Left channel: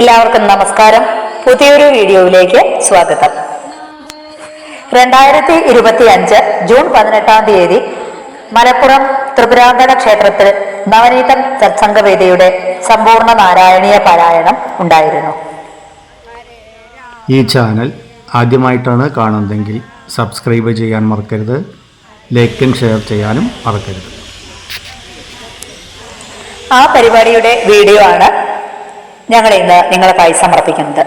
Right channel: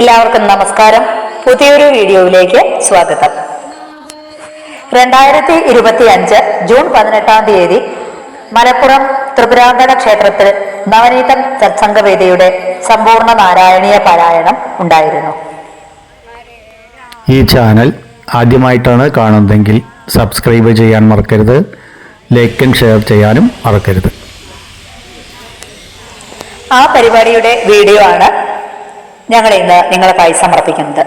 എല്ലാവർക്കും നമസ്കാരം. പുതിയൊരു വീഡിയോയിലേക്ക് സ്വാഗതം. 2025 ജൂൺ 18 മലപ്പുറം ത്രിപുരാന്തക ക്ഷേത്രത്തിൽ നവനീതം സത്സംഗവേദിയുടെ സമ്പൂർണ്ണ നാരായണീയ പാരായണം ഉണ്ടായിരുന്നു. ഈ ചാനൽ ആദ്യമായിട്ടാണ് കാണുന്നതെങ്കിൽ സബ്സ്ക്രൈബ് ചെയ്യാൻ മറക്കരുത്. ലൈക്കും ഷെയർ ചെയ്യാനും മറക്കരുത്. ആ പരിപാടിയുടെ വീഡിയോ ആണ് ഞങ്ങൾ ഇന്ന് നിങ്ങൾക്കായി സമർപ്പിക്കുന്നത്.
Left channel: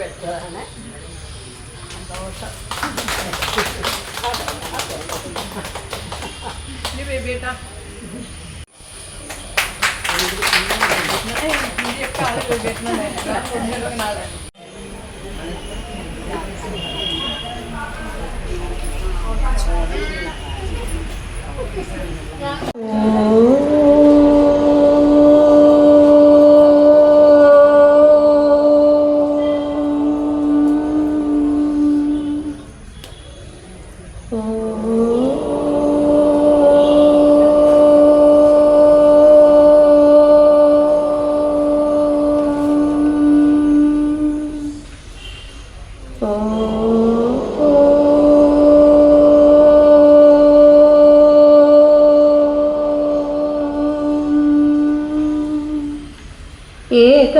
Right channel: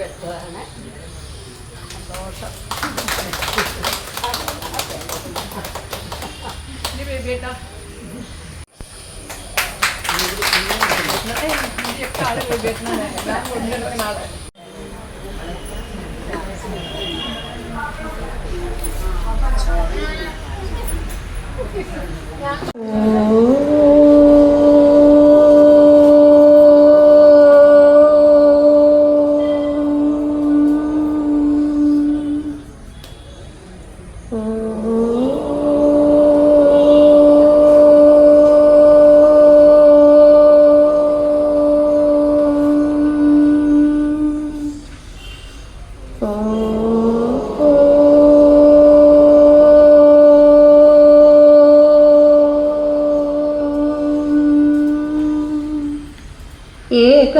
വെച്ചതാണ് സന്തോഷം. ബേബിയേട്ടാ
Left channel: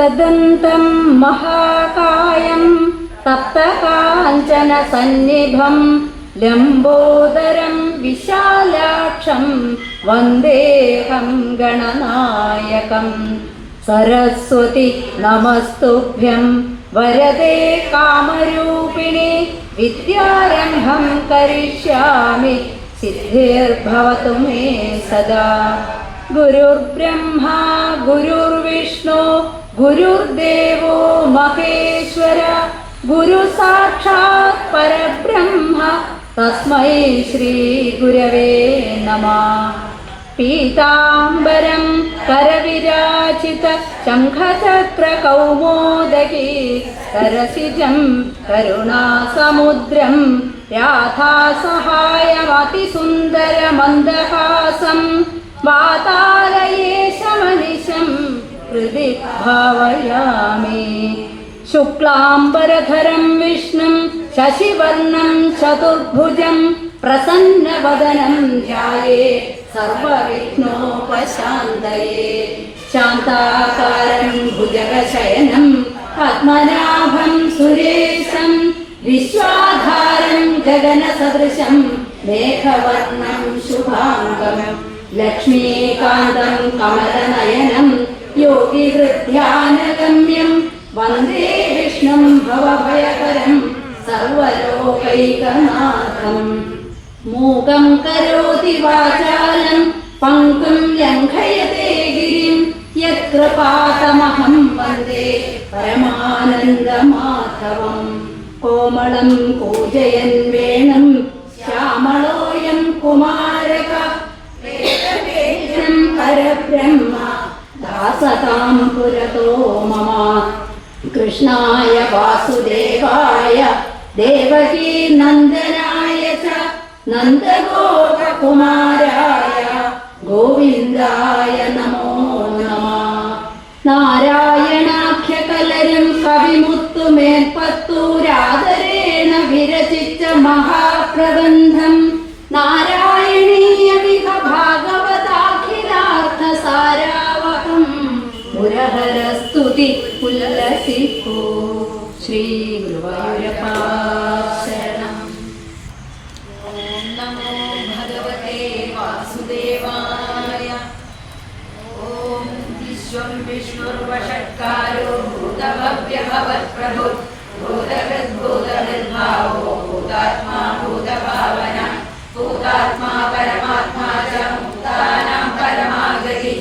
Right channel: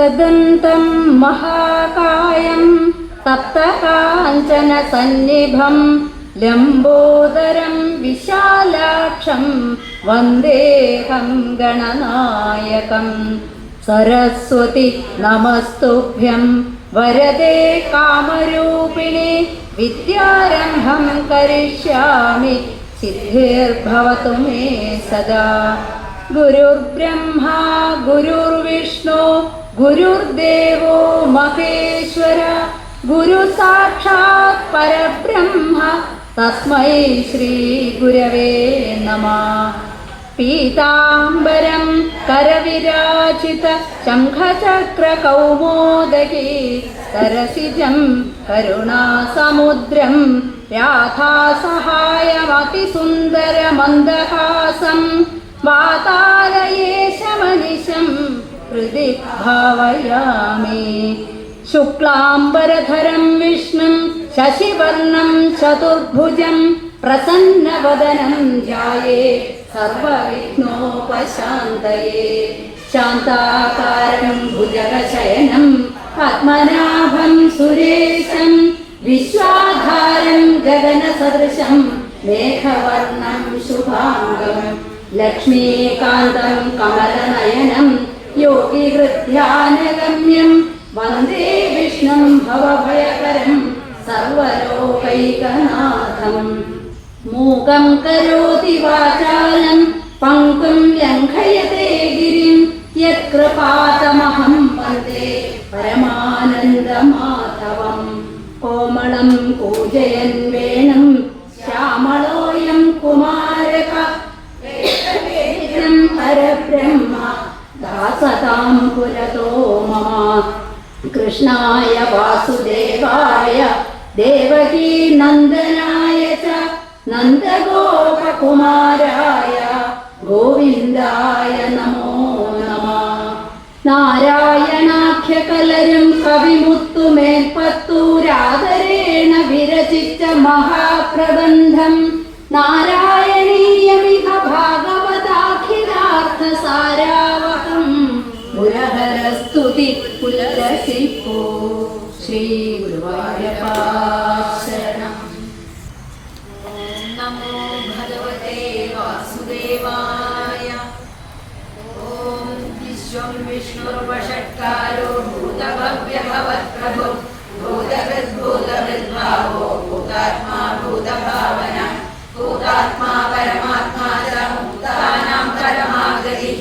एकदन्तं महाकायं तप्तकाञ्चनसन्निभं लम्बोदरं विशालाक्षं वन्देऽहं गणनायकं सरस्वती नमस्तुभ्यं वरदे कामरूपिणे विद्यारम्भं करिष्यामि सिद्धिर्भवतु मे सदा। गुरुर्ब्रह्मा गुरुर्विष्णु गुरुर्देवो महेश्वर गुरुसाक्षात् परब्रह्म तस्मै श्रीगुरवे नमः। पीताम्बरं करविराजित शङ्खचक्रकौमोदकी सरसिजं करुणासमुद्रं राधासहायमतिसुन्दरमन्दहासं वातालयेशमनिशं हृदि भावयामि। शुक्लाम्बरधरं विष्णुं शशिवर्णं चतुर्भुजं प्रसन्नवदनं ध्यायेत् सर्वविघ्नोपशान्तये। शान्ताकारं भुजगशयनं पद्मनाभं सुरेशं विश्वाधारं गगनसदृशं मेघवर्णं शुभाङ्गं लक्ष्मीकान्तं कमलनयनं योगिहृद्ध्यानगम्यं वन्दे विष्णुं भवभयकरं सर्वलोकैकनाथम्। मूकं करोति वाचालं पङ्कुं लङ्घयते गिरिं यत्कृपातमहं वन्दे परमानन्दमाधवं। कोमलं पूजयन् वेणुं श्यामलोऽयं कुमारक परब्रह्म दासतां पुरतो मम। कृष्णाय वासुदेवाय देवकी नन्दनाय च नन्दगोपकुमाराय गोविन्दाय नमो नमः। नारायणाख्यकलरं कविमुत्तुमेल्पत्तूरादरेण विरचित महाप्रबन्धं नारायणीयमिह भागवताखिलार्थसारावहं मुरहरस्तुति उल्लसितो श्रीगुरुवायूरप्पा शरणम्। नमो भगवते वासुदेवाय। ॐ विश्वं विष्णुर्वषट्कारो भूतभव्यभवत्प्रभो भूतकृद्भूतहृद्भावो भूतात्मा भूतभावना भूतात्मा परमात्मा च मुक्तानां परमागति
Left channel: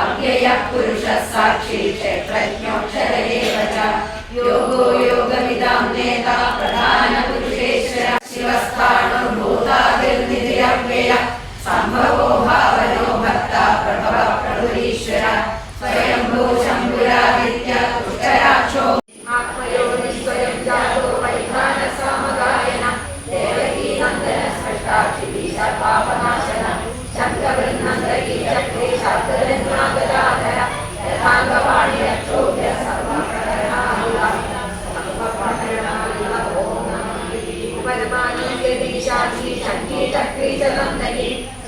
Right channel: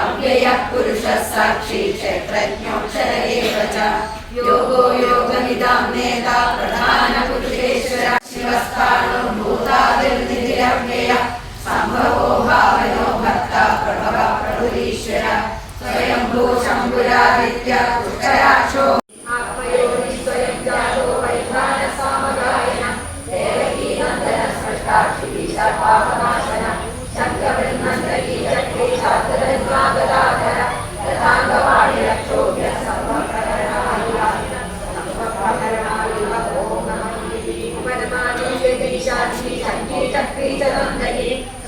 अव्ययः पुरुषः साक्षी क्षेत्रज्ञोऽक्षर एव च योगो योगनिदां नेता प्रधानपुरुषेश्वर शिवस्थानो भूतादिर्निधिरव्ययः सम्भवो भावनो भक्ता प्रभवः प्रभुरीश्वर स्वयंभू शम्भुरादित्य पुष्कराक्षो आत्मयोनिस्वयं जातो वैधानसामगायन देवकी नन्दन स्पष्टाक्षी सर्वापनाशन शङ्करनन्दकी चक्री शास्त्ररत्नागदाधर यथाङ्गवाणि रक्षोभ्य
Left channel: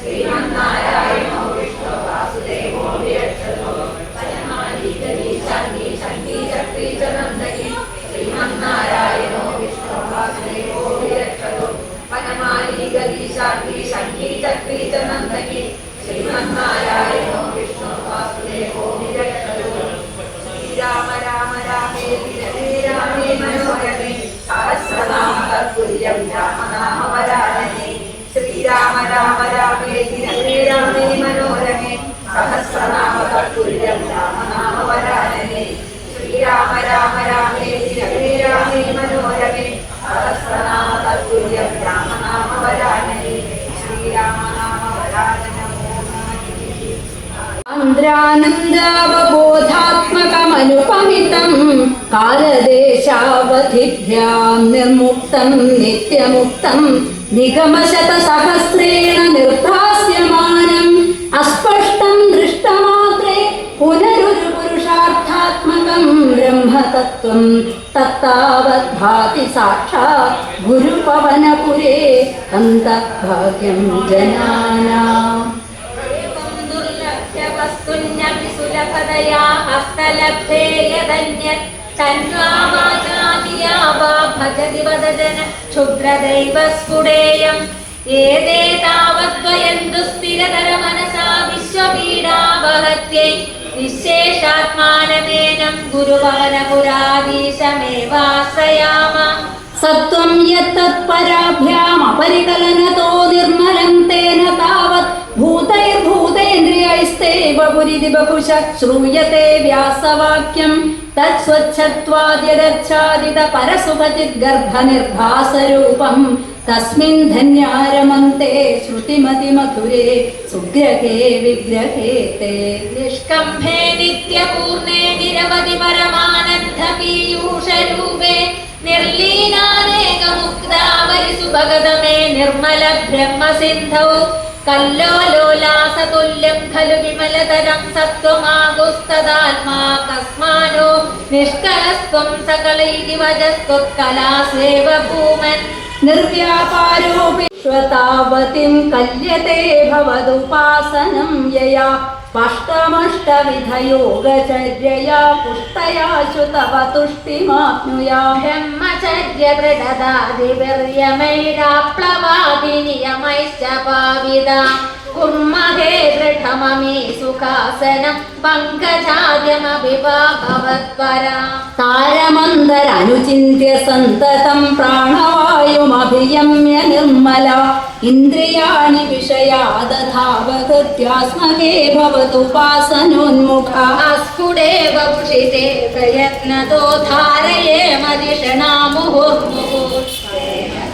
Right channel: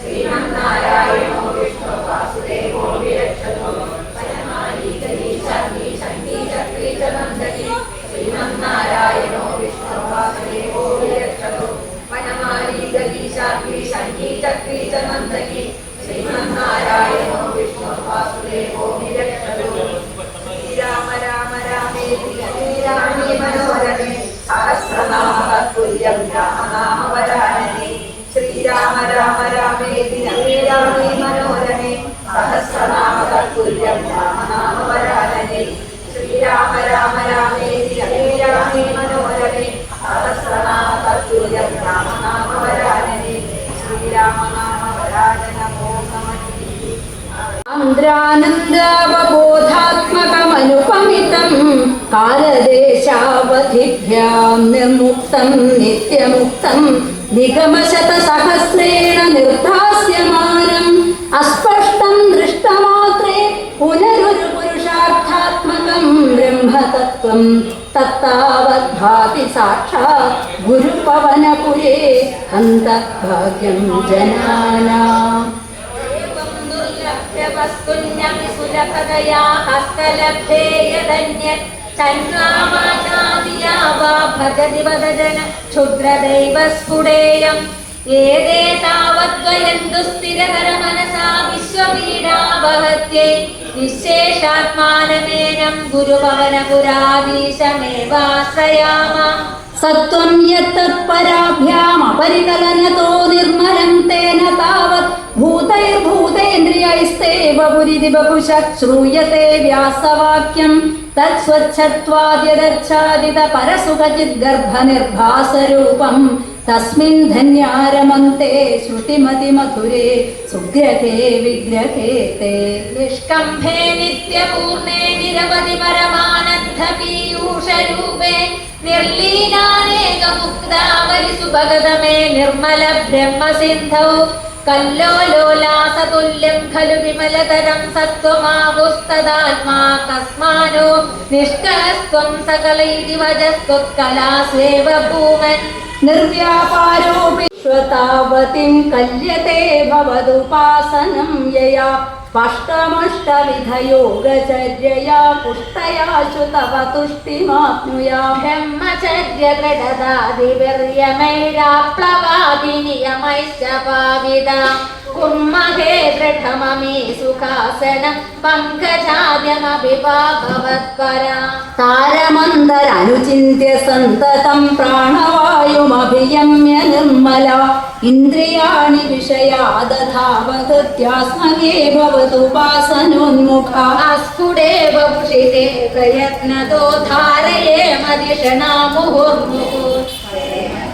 श्रीमन्नारायणो विष्णु वासुदेवो विरक्षतो श्रीमन्नारायणो विष्णु वासुदेवो विरक्षतो वनमाली गदीशाग्नि शङ्खी चक्री च नन्दकी श्रीमन्नारायणो विष्णु वासुदेवो विरक्षतो। श्रीराम राम रामेति रमे रामे मनोरमे सहस्रनाम तत्तुल्यं रामनाम वरानने। श्रीराम राम रामेति रमे रामे मनोरमे सहस्रनाम तत्तुल्यं रामनाम वरानने। श्रीराम राम रामेति रमे रामे मनोरमे सहस्रनाम तत्तुल्यं रामनाम वरानने। श्रीराम नाम वरान नमो नमः। आन्द्रानन्दावबोधात्मकमनुपमितं कालदेशावधिभ्यां निर्मुक्तं नित्यमुक्तं निगमशतसहस्रेण निर्धास्यमानम् अस्पष्टं दृष्टमात्रे पुनरुरुपुरुषार्थात्मकं ब्रह्मतत्त्वं तत्तावद्भाति साक्षात् गुरुपवनपुरे अन्तर्भाग्यं जनानाम्। वस्तुन्यपि सुलभ തദയാ ഹസ്തലബ്ധേ യദന്യത് തന്വാമാചാദിയാ വാ ഭജതി വദജന ക്ഷുദ്രദൈവസ്ഫുടേയം ഏതേ താവദ്വയന്തു സ്ഥിരതര മനസാ വിശ്വപീഡാവഹത്യൈ നിശേഷാത്മാനമേനം ഗുരുഭവനപുരാധീശമേവാശ്രയാമ സത്വം യത്തത്പരാഭ്യാമപരികലനതോ നിർമ്മലം തേന താവത് ഭൂതൈർഭൂതേന്ദ്രിയൈസ്തേവ പുരിതി ബഹുശഃ ശ്രൂയത്തെ വ്യാസവാക്യം തത്സ്വച്ഛത്വാദ്യദർച്ഛാദിത പരസുഖചിത് ഗർഭനിർഭാസരൂപം തസ്മിൻ ധന്യാരമന്തെ ശ്രുതിമതി മധുരേ സുഗ്രഹേ വിഗ്രഹേ തേ നിഷ്കംഭേ നിത്യപൂർണേ നിരവധി പരമാനന്ദ പീയൂഷരൂപേ നിർലീനാനേകമുക്താവലി സുഭഗതമേ നിർമ്മല ബ്രഹ്മസിന്ധൗ കല്ലോലോലാസതുല്യം ഖലു വിമലതരം സത്വമാകുസ്തദാത്മാ കസ്മാനോ നിഷ്കലസ്ത്വം സകലൈതി വജസ്ത്വത്കലാസ്വേവ ഭൂമൻ നിർവ്യാപാരോപി ശ്വതാവതിം കല്യത്തെ ഭവതുപാസനം യയാ സ്പഷ്ടമഷ്ടവിധയോഗചര്യയാ പുഷ്ടയാശു തവ തുഷ്ടിമാപ്നുയാ ബ്രഹ്മചര്യ ദൃഢതാദിവ്യമൈരാപ്ലവാദി നിയമൈശ്ച പാവിത കുർമഹേ ദൃഢമമീ സുഖാസനം പങ്കജാദ്യമഭിവാ ഭവത്പരാ താരമന്തരനുചിന്യ സന്തതം പ്രാണവായുമഭിയമ്യ നിർമ്മല ഇന്ദ്രിയാണി വിഷയാദധാവഗത്യാസ്മകേ ഭവതുപാസനോന്മുഖ അസ്ഫുടേവ ഭുഷിതേ പ്രയത്നതോ ധാരയേ മദിഷണാമുഹുർമുഹു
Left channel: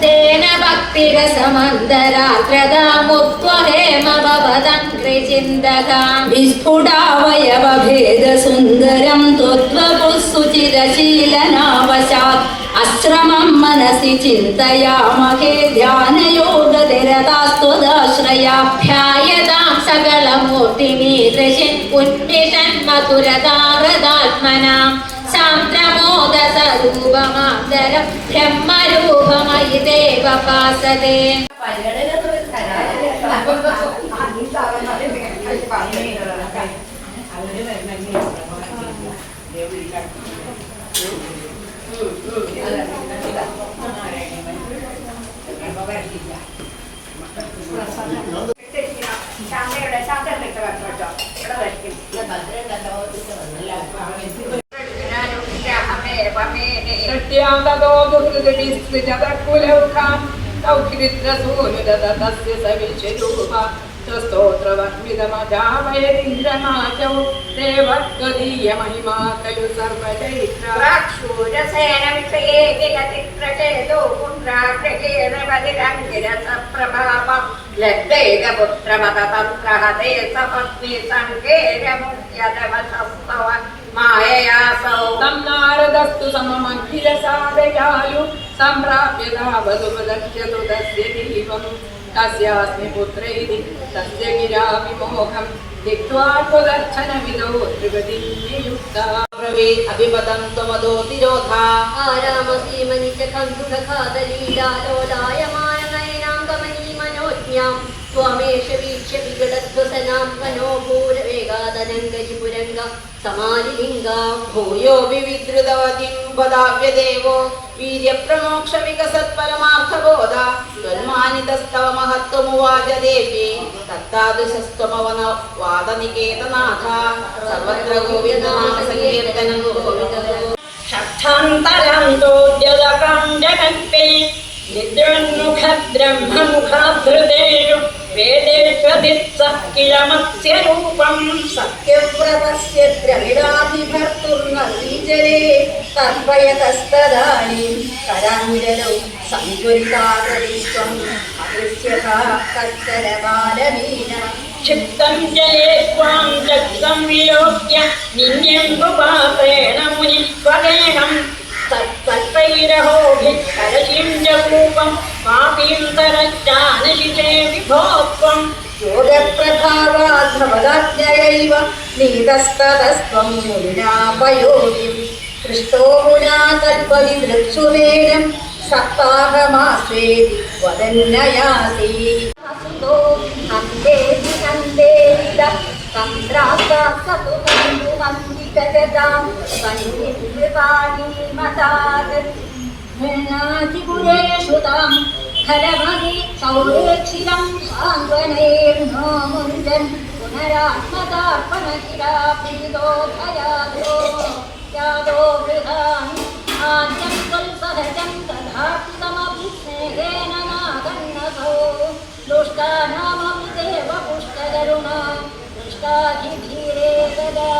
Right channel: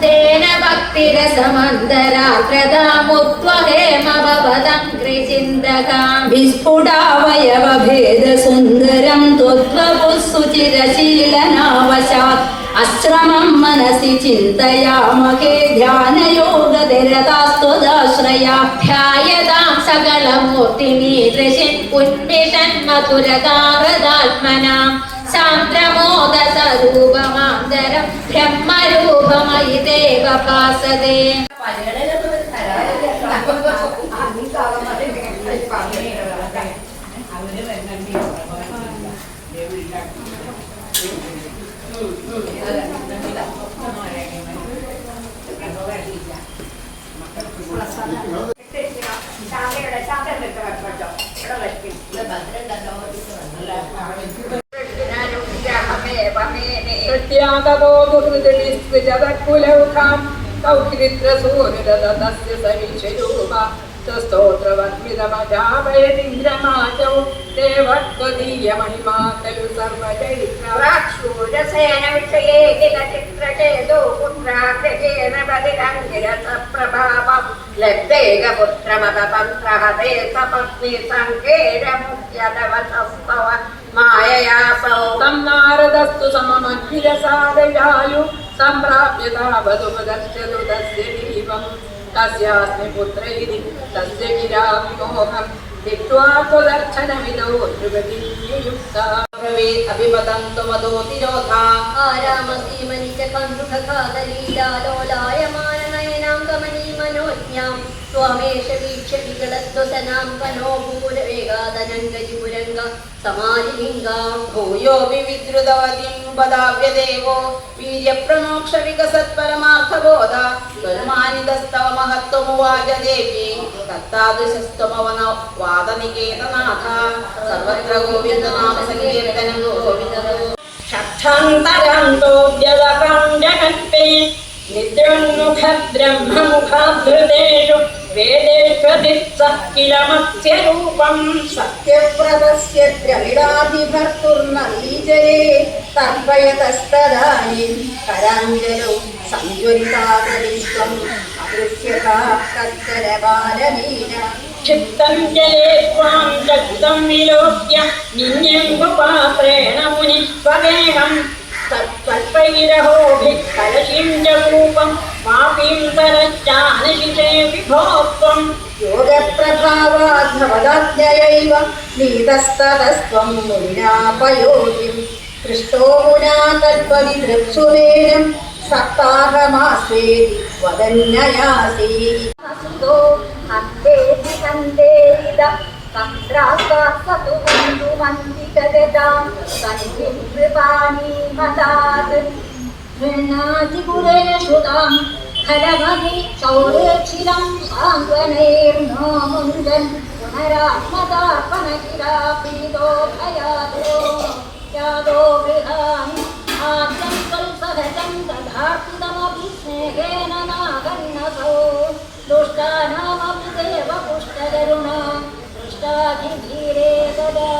തേന ഭക്തിരസമന്തരാഗ്രതാമുക്വഹേമവദംഘ്രിചിന്തകാം വിസ്ഫുടാവയവഭേദസുന്ദരം ത്വദ്വപുസ്സുചിരശീലനാവശാത് അശ്രമം മനസി ചിന്തയാമഹേ ധ്യാനയോഗനിരതാസ്ത്വദാശ്രയാഭ്യായതാം സകലമൂർത്തിമീദൃശിൻ ഉന്മിഷൻ മധുരതാരതാത്മനാം സാന്ദ്രമോദസരൂപമാന്തരം ബ്രഹ്മരൂപമയി ദേവപാസതേ പ്രത്യാഗതോ ദുർഹൃദവിസ്തൃജതകുലൗഖാം സൗഖ്യമിത്രസൂനുദതസ്യ സവിശ്വരൂപ സ്തോത്രവത്മിതമജാവയതിന്ദ്രമാചൗ ദേവത്വദീയമഹിമാ ഖലു സർവചൈത്ര പ്രാക്ഷൂരസേന വിഷയേ കില ചിത്രചേതോ പുത്രാഗ്രഹേന ബലിരംഗിരസപ്രഭാവം ലബ്ധേകപുത്രമതതന്ത്രഹതേ സപത്നി സങ്കേരമുഖ്യതവസസ്തവ മായയാ സൗ തം നാരദസ്തു സമമഖിലസാദയാലു സംപ്രാപ്യതാവതുപദർശതു തസ്യ ദീപം തസ്യാസ്മി പുത്രൈതി തസ്യ ഗിരാ വിമോഹം ദിക്വാ ത്വദർശനവിദോ ത്രിപദീയുക്താ പ്രവേ അഭിപതന്തു മദോതിരോധാ ആരാമസീമനി ച കണ്ടുഖാദലീലാലോലായമാനനയനാം കമനീമനോജ്ഞാം ത്വമേഷ വീക്ഷ്യ വികടസ്വസനാം കനോപൂരവേഗാദനംഗജിപുരംഗ സമാലിലിംഗാം ഭൂയോ വിവിദ്രുതവതിം പദാവ്യദേവോ വീര്യപ്രമോക്ഷ വികസത്പരമാർത്ഥബോധ ത്വന്മാനിതസ്തവ മഹത്വമുവാച ദേവി തത്താദൃശസ്ത്വമവന വാദനികേതനാഥ സർവത്ര ഗോവിന്ദനാമ സങ്കീർത്തനം ഗോവിന്ദ ഷക്ഷാന്തരാന്തോദ്യതകം ജഗൽപേ നിദ്രോന്മുഖ ബ്രഹ്മമുഖാധൃതേഷു വേദേഷ്വദിത്സഃ കില മത്സ്യരൂപം സത്യവ്രതസ്യ ദ്രവിഡാഭിഭർത്തുർനദീജലേ തർപ്പയതസ്തദാനീം കരാഞ്ജലൗ സംയുക്താകരീശ്വം അദൃശ്യതാ കത്തരബാലമീന ക്ഷിപ്തം ജലേ ത്വാം ജഗ്ധം വിലോക്യ നിന്യംബുപാത്രേണ മുനിസ്വഗേഹം തത്പൽപൈരഹോഭിः കലശിം ച കൂപം പാപീം തരശ്ചാനശിഷേ വിഭോത്വം യോഗപ്രഭാവാത് ഭവദാജ്ഞയൈവ നീതസ്തതസ്ത്വം മുനിനാപയോനിം പൃഷ്ടോ മുനാ തദ്വരിദൃത്സുവേനം സപ്താഹമാസ്വേതി വദന്നയാസി അസുതോ അന്തേതി കന്തേരിത തന്ത്രാസ്വാസതു മന്ദിതഗതാം വന്ദിതൃപാണീമതാത് ഘൃണാതിപുരേഷുതാം ഫലമതി സൗരേക്ഷിതം സാന്ത്വനൈർനോ മുഞ്ചൻ പുനരാത്മതാർപ്പണകിരാപീതോ ഭയാദോ യാദോ ഗൃഹാണി ആദ്യം കൽസഹജം ദധാർത്തിതമഭിസ്നേഹേന നാഗന്നസോ ദുഷ്ടാനാമഭിദേവ പുഷ്ടകരുണ ദുഷ്ടാധിധീരേ ഗദാ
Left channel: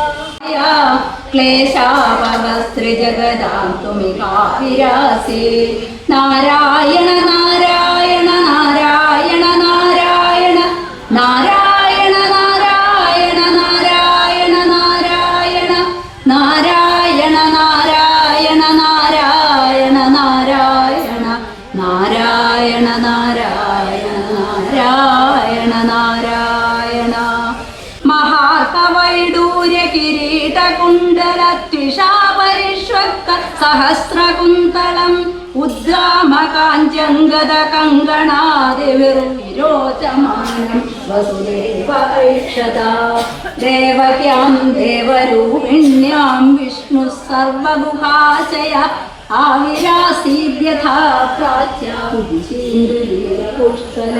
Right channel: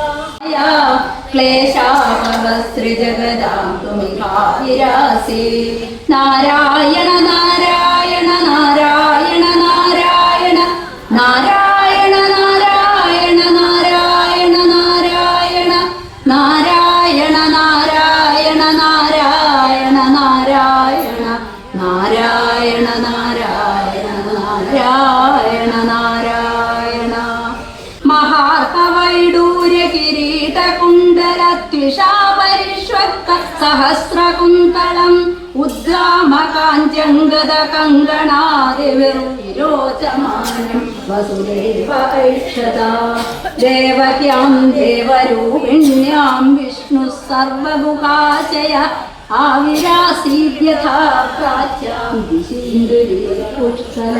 ക്ലേശാവസ്ത്രിജഗദാം തുമികാവിരാസേ നാരായണ നാരായണ നാരായണ നാരായണ നാരായണ നാരായണ നാരായണ നാരായണ നാരായണ നാരായണ നാരായണ നാരായണ നാരായണ നാരായണ നാരായണ നാരായണ മഹാർക്കവൈഡൂര്യ കിരീടകുണ്ടലത്വിഷാപരിഷ്വക്ക സഹസ്രകുന്തളം ഉദ്ഗാമകാഞ്ചംഗത കങ്കണാദിവിരോചമാനം വസുദേവൈക്ഷത ദേവക്യാം ദേവരൂപിണ്യാം വിഷ്ണു സർവമുഖാശയ ആവിരാസീഭ്യഥാ പ്രാച്യാം ദിശീന്ദുരീപുഷ്കല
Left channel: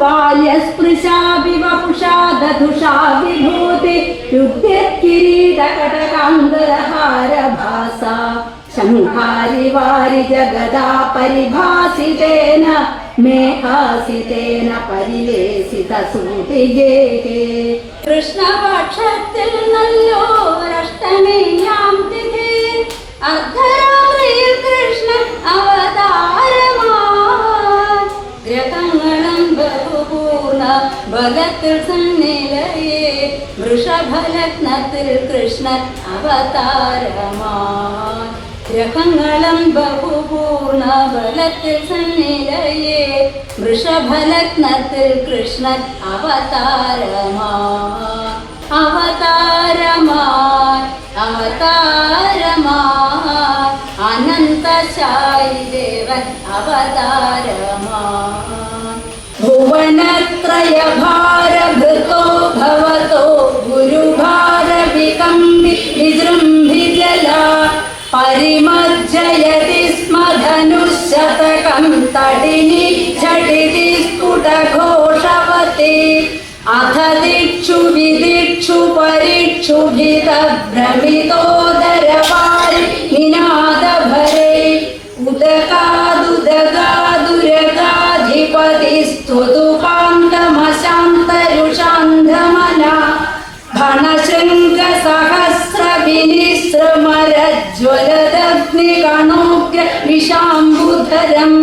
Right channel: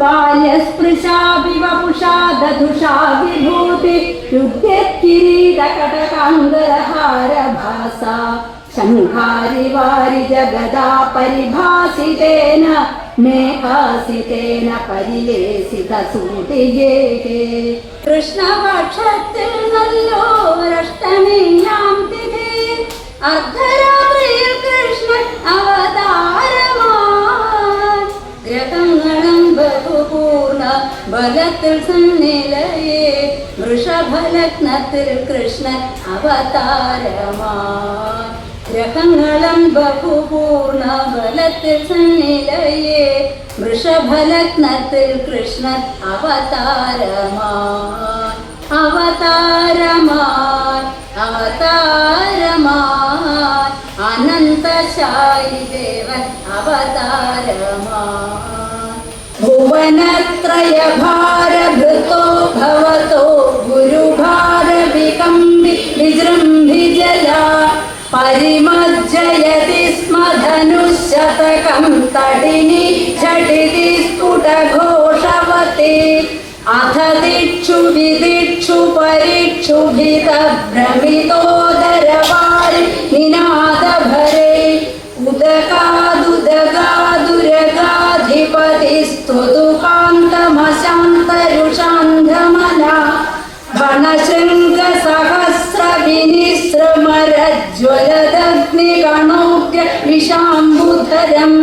ബാല്യസ്പൃശാപി വപുഷാ ദധുഷാ വിഭൂതി യുദ്ധക്കിരീടകടകാംഗലഹാരഭാസ ശംഖാരി വാരി ജഗദാ പരിഭാസിതേന മേഘാസിതേന പരിലേസിത സൂതിഗേഹേ കൃഷ്ണപക്ഷത്തിൽ നല്ലോരഷ്ടമിയാം തിഥി അർദ്ധരാത്രിയിൽ കൃഷ്ണൻ അവതാരമായി ഗ്രഹങ്ങളും ബഹുപൂർണ ബലത്തിൽ സന്നിലയേ വൃഷഭലഗ്നത്തിൽ കൃഷ്ണൻ അവതാരമായി ഗ്രഹങ്ങളും ബഹുപൂർണ ബലത്തിൽ സന്നിലയേ വൃഷഭലഗ്നത്തിൽ കൃഷ്ണൻ അവതാരമായി അവതാരമായി അവതാരമായി അനന്തശായി ദേവൻ അവതാരമായി ഭുവനത്രയ ഭാരഭൃതോ ഭവതോ ഗുരുഭാരവികമ്പി വിജൃംഭിജല പരിമജ്ജയതി സ്മ ധനുശതകം തടിനി ഝടിതി സ്ഫുടഘോഷവതി അഥ ദിക്ഷു വിദിക്ഷു പരിക്ഷു ഭ്രമിതോദരവാരി നിനാദഭരേ ഉദകാദുദകാദുരകാധിപതി സ്തുതുകാന്തമശാന്തരുഷാന്ധമന ഭണശൃംഗ സഹസ്ര വിനിസ്രമരജ്വലദഗ്നികണോഗ്ര വിഷാംബുധരം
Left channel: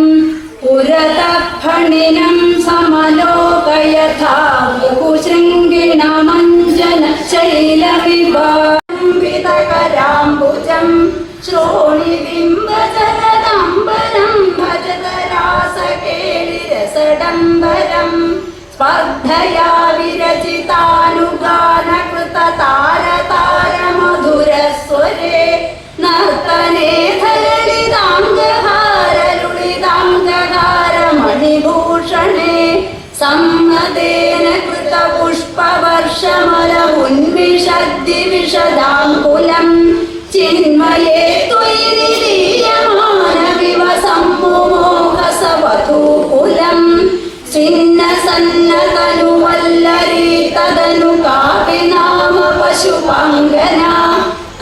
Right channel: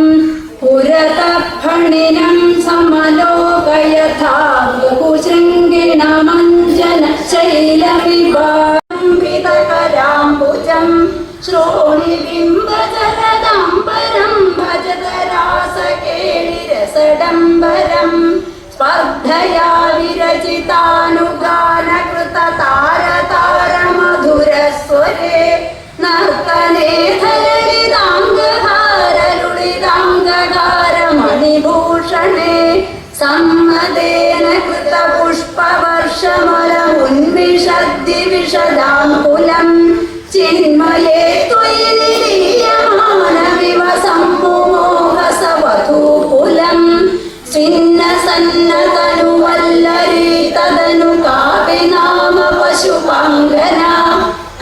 പുരതഃ ഫണിനം സമലോകയഥാ ബഹുശൃംഗിണമഞ്ജന ശൈലവിഭാംബിതകരാംബുജം ശ്രോണിബിംബജലദംബരം ഭജതരാസകേളിരസഡംബരം സ്പർദ്ധയാ വിരചിതാനുഗാനകൃതതാരതാരമധുരസ്വരേ നർത്തനേ ധരളിതാംഗഹാരലുളിതാംഗഹാരമണിഭൂഷണേ സമ്മദേന കൃതപുഷ്പവർഷമല ഉന്മിഷദ്ദിവിഷദാങ്കുലം ചിന്മയേ ത്വയി നിരീയമാനവിവ സമ്മുമോഹസവധൂകുലം സ്വിന്നസന്നതനുവല്ലരീ തദനു കാപി നാമ പശുപാങ്കന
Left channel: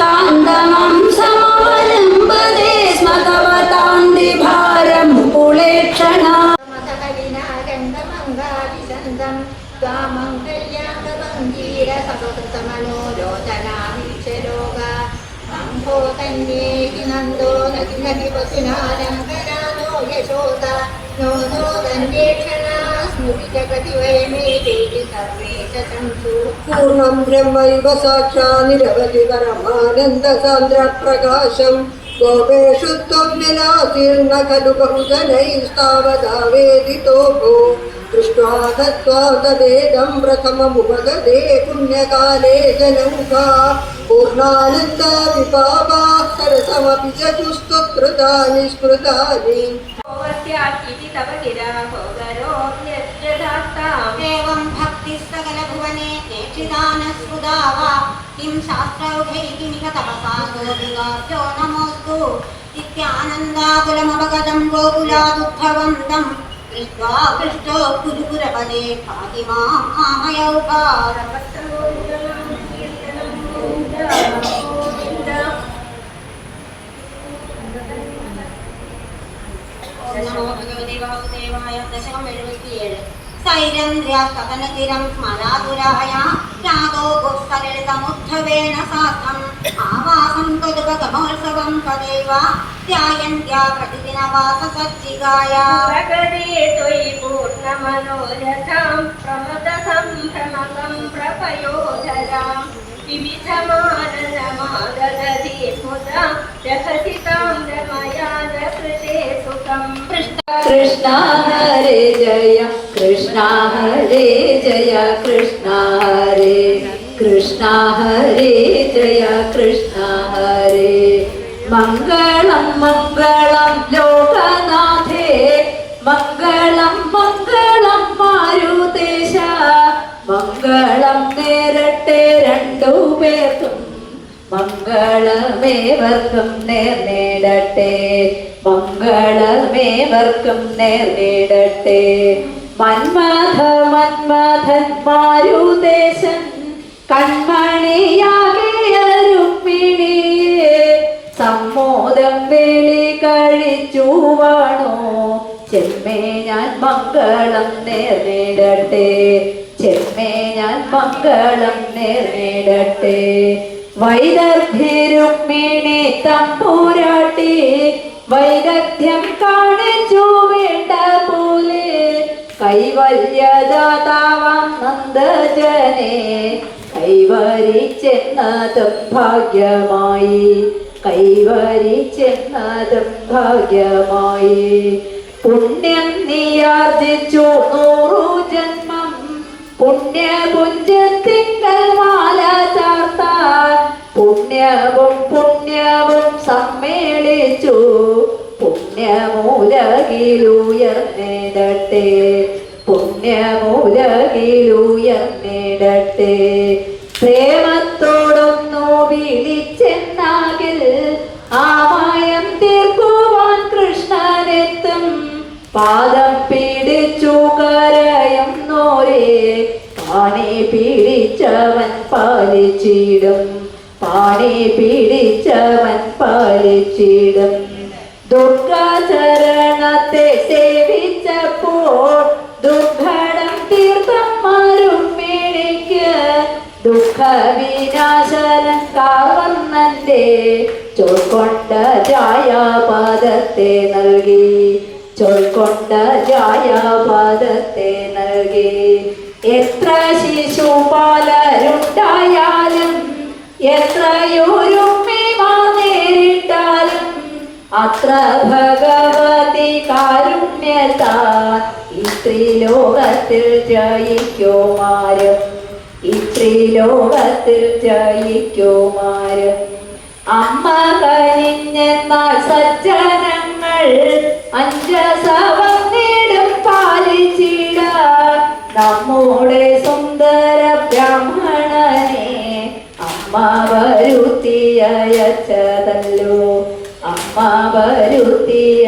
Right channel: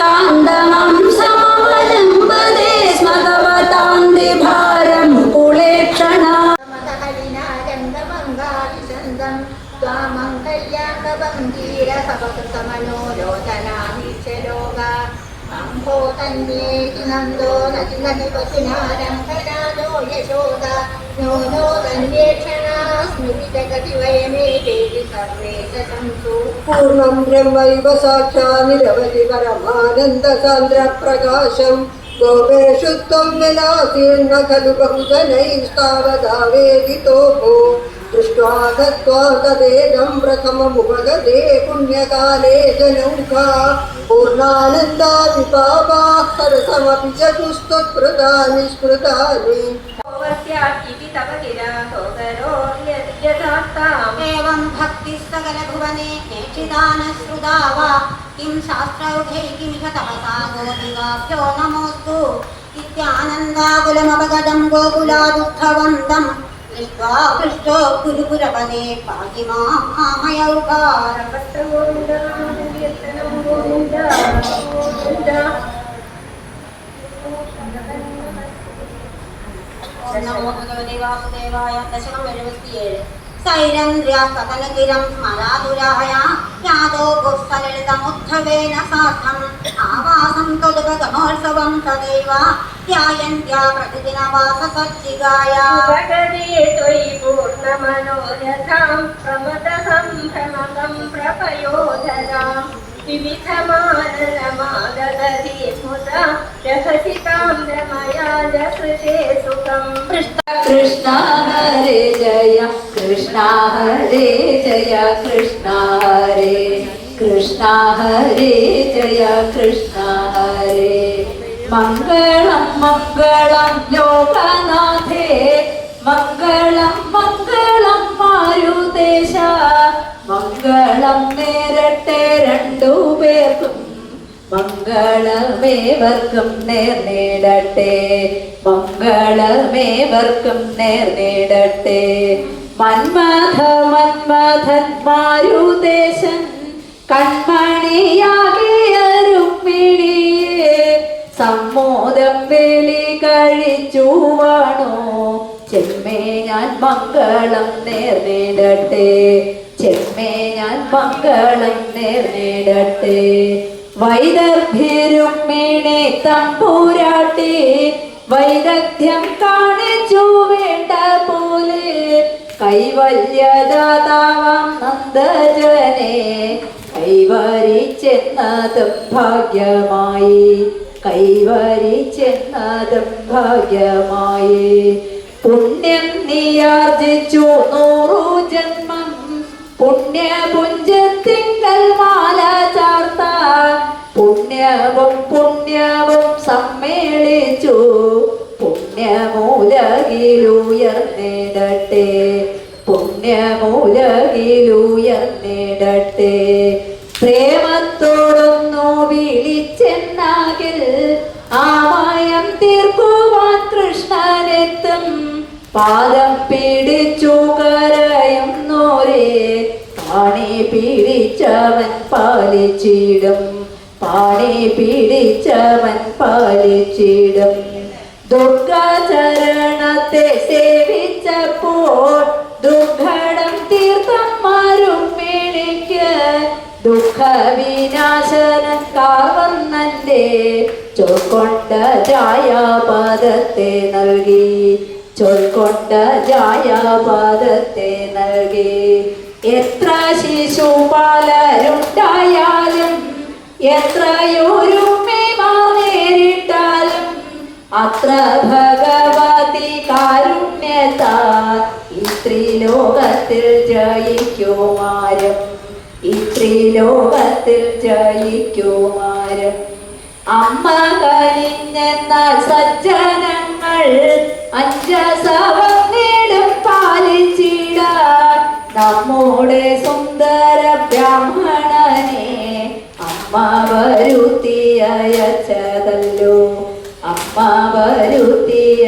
കാന്തമം സമവലംബദേ സ്മഗവതാന്തി ഭാരമുകുളേക്ഷണ നന്ദോ നദി പശുനാരംഗനാനോ യശോദ നോ നോ ഗന്ധേക്ഷണ സ്മൃതി ജഗതി വയമേതേതി സർവേ ചതന്തു പൂർണ്ണം ബ്രഹ്മൈവ സാക്ഷാ നിരവധി പരമാനന്ദ സാന്ദ്ര പ്രകാശം ഗോപേഷു ത്വം വിനാശീർണ ഖലു ബഹുജനൈസ്താവതാവേദിതോ ഭോ ദൃഷ്ട്വാ ദത്വാ തദേദം പ്രഥമമുപഗതേ പുണ്യകാലേ ജനൗഘാ പൂർണ്ണാനന്ദ വിപാപാഃ സരസമപി ചതുസ്ത്വകൃതാനി സ്മൃതാനി इति तपतिरा भोगरो यत् यथार्थम् एवं भक्तिः सकलभुवने नेक्षिदानश्रुता वा किं शास्त्रौघै किमिह तपसा गोपिकाभ्यो नमोऽस्तु इत्यानन्दाकुलमपगतं गोकुलादुद्धवं दृष्ट्वा पृष्टो गुरुपुरपदे पाहि माम् नमो भगवते वासुदेवाय दशकं 77 सैरन्द्र्यास्तनगिरं स्मरातुराय यादो गुप्तललितमुद्धवेन सार्धम् आवासं तदुपगमोत्सवं सदैव ध्यायन्त्या प्रतिदिनवाससज्जिगाय भगवते त्वयि पूर्णमनोरथं प्रमदसंभ्रमकं प्रपयोधराम् विविधमानरमादधति स्मुता जगसितां रमया जकृते सुखम् कृष्ण हरे जय कृष्ण हरे जय कृष्ण हरे कृष्ण हरे जय कृष्ण हरे मङ्गलं मङ्गलं लोकनाथे मङ्गलं मङ्गलं मारुतेश മംഗളം നേരട്ടെ രണ്ടുപേർക്കും മംഗളമേവർക്കും നേർന്നേടട്ടെ മംഗളമേവർക്കും നേർന്നേടട്ടെ മന്മഥ മന്മഥൻ മാരുദേശൻ കൺമണിയാകിയ രുക്മിണിയെ സമ്മോദം വേളി കഴിച്ചു വാണോ ചെമ്മേ ഞാൻ മംഗളം നേർന്നേടട്ടെ ചെമ്മേ ഞാൻ മംഗളം നേർന്നേടട്ടെ വൈദർഭിരുക്മിണി തമ്പുരാട്ടി വൈദഗ്ധ്യം കാണിച്ചു വേണ്ട പോലെ കൈവല്യദാതാവാം നന്ദജനെ കൈവരിച്ചെന്നതും ഭാഗ്യമായി കൈവരിച്ചെന്നതും ഭാഗ്യമായി പുണ്യം നീയാർജിച്ചു 100 ജന്മം പുണ്യപുഞ്ചത്തിങ്കൽ മാല ചാർത്ത പുണ്യവും പുണ്യവും സമ്മേളിച്ചു പുണ്യമൂലകിലുയർന്നിടട്ടെ പുണ്യമൂലകിലുയർന്നിടട്ടെ പ്രേമത്തോടൊന്നു വിളിച്ചെന്നാകിൽ ആമയം തീർക്കുവാൻ കൃഷ്ണനെത്തും പാദം പിടിച്ചു കരയുന്നോരേ പാണി പിടിച്ചവൻ പാലിച്ചിടും പാണി പിടിച്ചവൻ പാലിച്ചിടും ദുർഗാചരണത്തെ സേവിച്ചപ്പോൾ ദുർഘടം തീർത്ഥന്മാരും പിടിക്ക് ദുഃഖവിനാശനം കാവന്നന്റെ ചോർക്കൊണ്ട ജായാപാദത്തെ നൽകി ചോർക്കൊണ്ട ജായാപാദത്തെ നൽകി എത്ര ശിശുപാലരുണ്ടായാലും എത്രയോരുമേമാ നേരിട്ടാലും അത്ര ഭഗവതി കാരുണ്യത്താൽ ഈ ത്രിലോകത്തിൽ ജയിക്കുമാരും ഈ ത്രിലോകത്തിൽ ജയിക്കുമാരും അമ്മ കനിഞ്ഞെന്നാൽ സജ്ജനങ്ങൾ അഞ്ചസവം നേടും പാലിച്ചിടാൻ നമ്മുടെ സുന്ദര ബ്രാഹ്മണനെ അമ്മ വരുത്തിയച്ചതല്ലോ അമ്മ വരുത്തിയ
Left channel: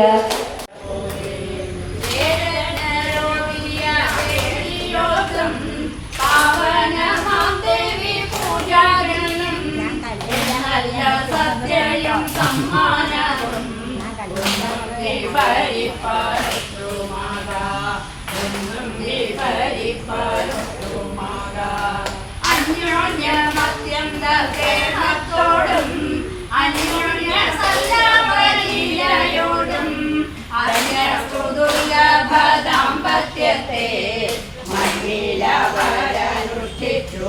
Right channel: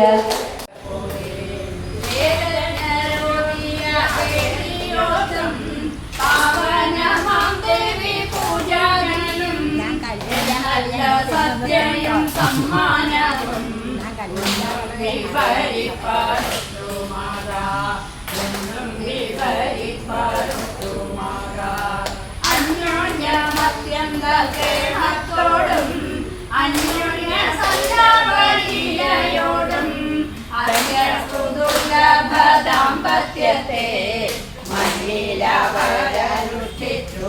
സദ്യയും സമ്മാനവും അന്യോന്യമത്യന്ത സ്നേഹത്തോടും അന്യോന്യ സല്ലാപരീയോടും അന്യസ്തുദുർലഭ ദാമ്പത്യത്തെ മഹിളവരനുഷ്ഠിച്ചു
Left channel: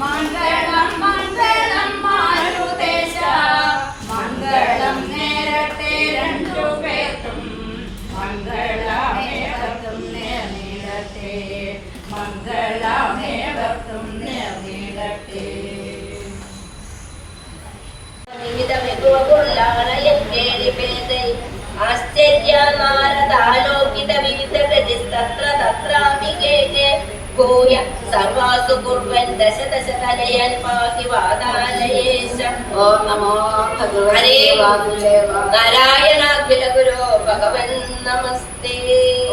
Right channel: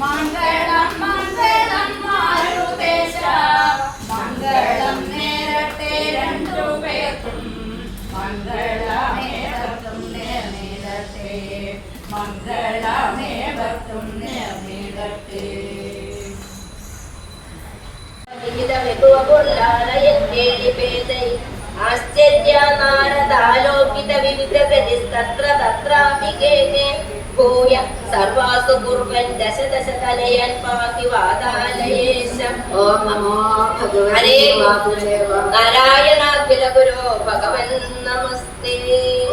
മംഗളം മംഗളം മാരുദേശ മംഗളം നേരട്ടെ രണ്ടുപേർക്കും മംഗളമേവർക്കും നേർന്നിടട്ടെ മംഗളമേവർക്കും നേർന്നിടട്ടെ ആശ്ചര്യാനാരദാലോകിത വിവിധ ഗതിസ്തത്ര തത്രാഭികേകേ ഭൂയ സർവാസു കുർവൻ ദശ ദശ കലയൻ പാതി വാദാലയേശം. ഓം നമോ ഹരേ ഭഗവതേ നാരായണാഖില ഗുരോ ഭഗവൻ നമസ്തേ.